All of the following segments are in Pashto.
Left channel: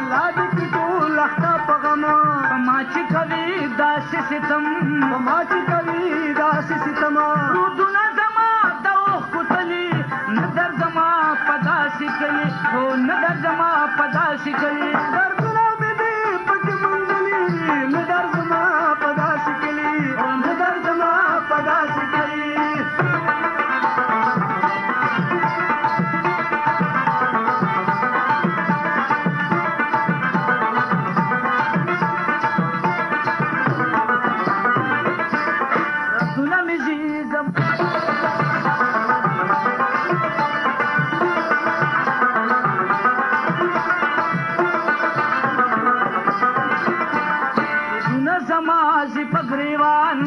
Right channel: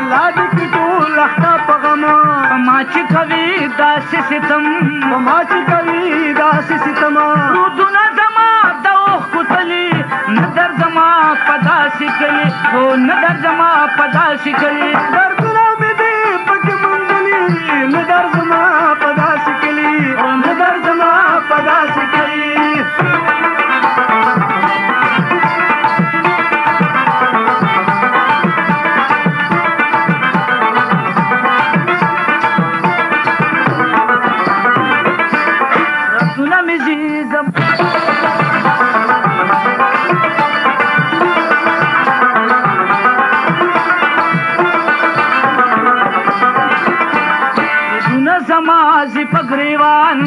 الله دې کې ټول اخته په غم چې کوي داسې ستم په ما چې کوي داسې ستم رودونه زما د اوښکو تلي نه درځما په داسې کلي هو نه درځما په داسې کلي دردونه مې دې پکې موندلي نه درځما په داسې کلي نه درځما په داسې کلي زمازي پګریوان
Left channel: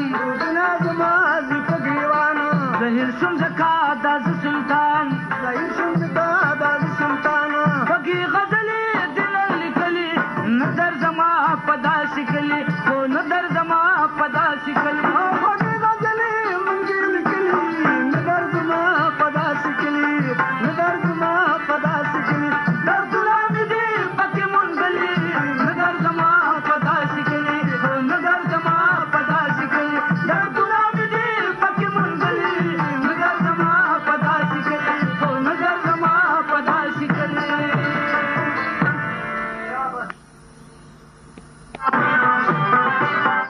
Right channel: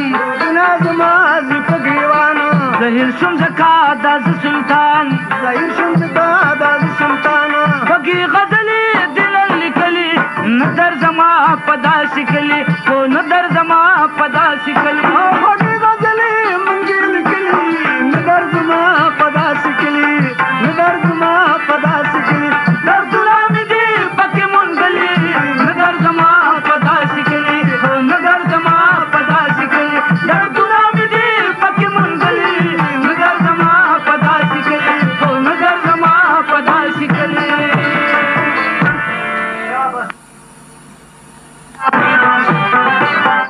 زمازي پګریوان ظاهر شم زکا د سلطان ظاهر شم زکا د سلطان پګي غدلې دل لیکلي نظر زما پدا سکلي او نظر زما پدا سکلي